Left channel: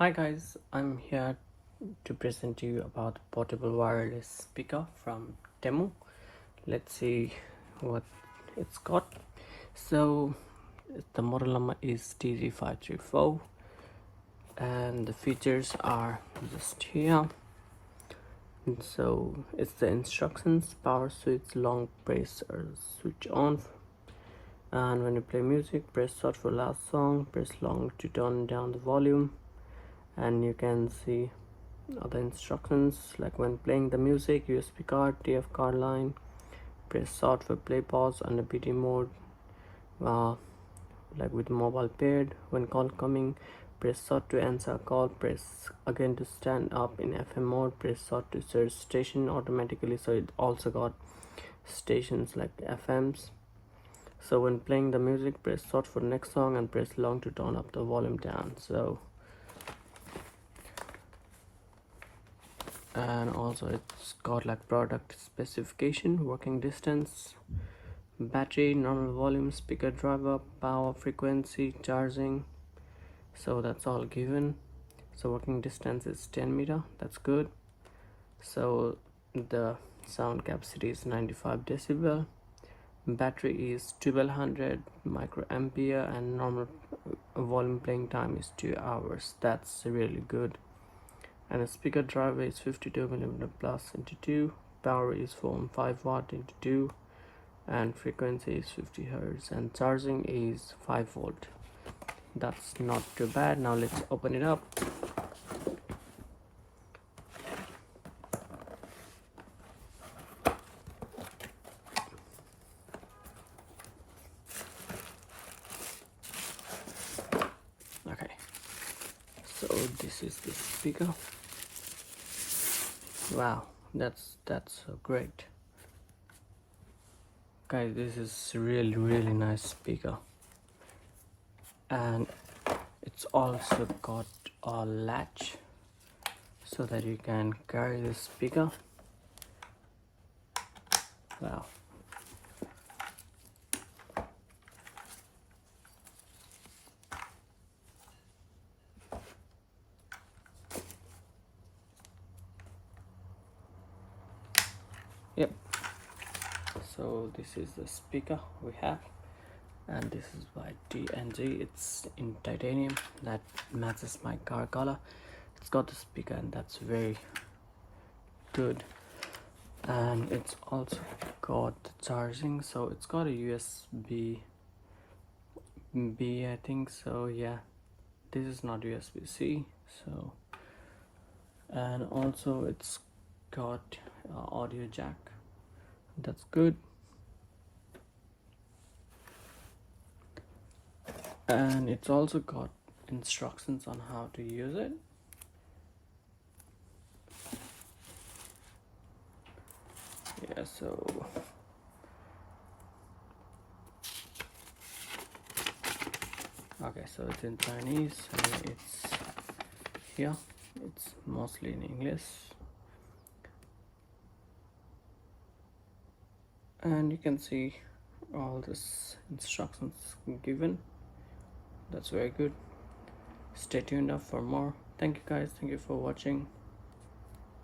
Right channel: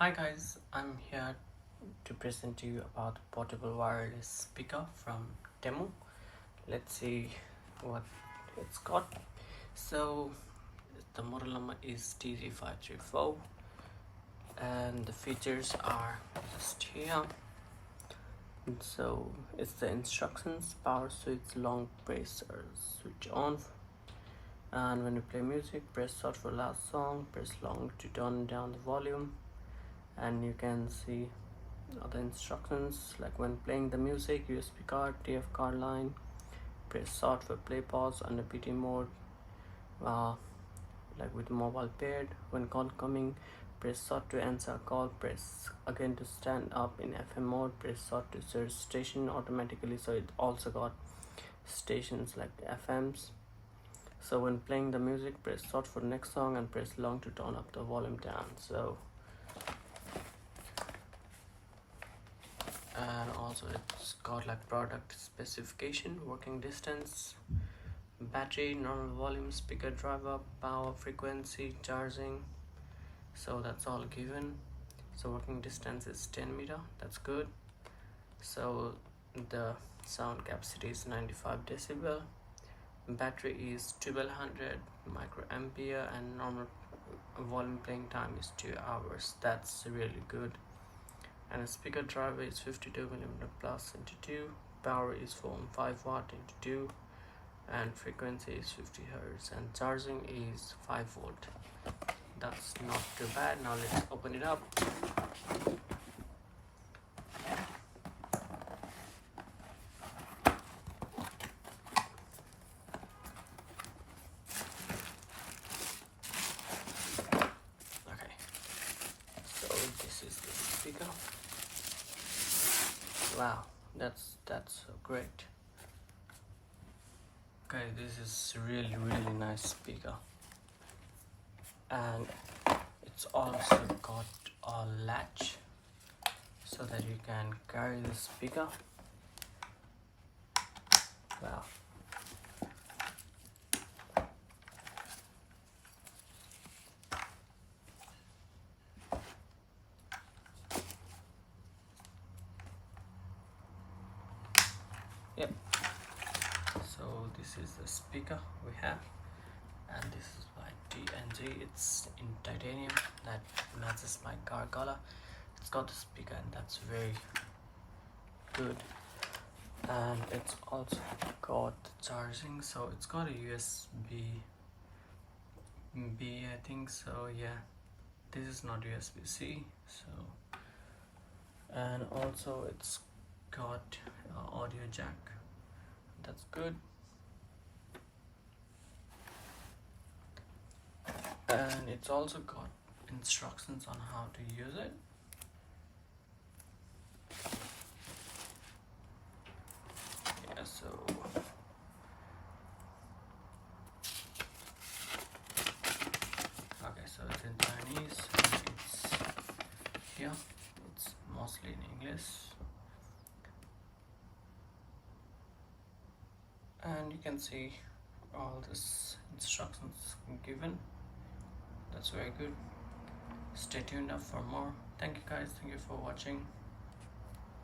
Hi guys, I'm here to present to you about the portable wireless speaker from Temu. Let's see what it's got. So the model number is TG534 and the features are just here. So it's the instructions: power switch, long press or switch on, and when you play music, press start for last song, press long to turn down the volume. And you can see other instructions like when playing the music, USB card, TF card line, press start for play pause under PT mode, like with mobile paired. When call coming, press start to answer call, press again to stand up in FM mode, press start to search station automatically. So it also got stations like FMs. So when playing the music, press start for next song and press long to turn up the volume down. And also it's got like product specification, working distance, battery, normal volume, speaker driver, power, frequency, charging. So that's all given. So working distance is 10 meter, that's good. So the sound capacity is 95 decibel, battery is 1200 microampere, and normal volume playing time is 2 hours. That's really good. And the speaker driver is 52mm plus into 2, power is 4.5 watt into 2, and frequency is 50 Hz, and charging is 5 volt. That's not too bad. Now let's open it up. Okay, so this is the speaker. Wow, that's so great, guys. This is really nice speaker, and it's also got a latch so that you can carry the speaker. Wow. Yep, so this is the speaker we have, and this is by TNG. It's in titanium that matches my car color. It's got the speaker, and that's very good. And it's also got the charging, so it's got a USB B, I think so. Yeah, this is not USB-C. So, and also it's got audio jack, that's good. And it's also got instructions on how to use it. Yeah, so okay, so it's in Chinese, and it's here, it's mostly in English, and you can see all this instructions given. That's very good. Stay tuned up for more. Thank you guys, thank you for watching.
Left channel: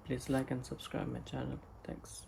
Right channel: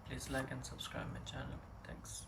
Please like and subscribe my channel. Thanks.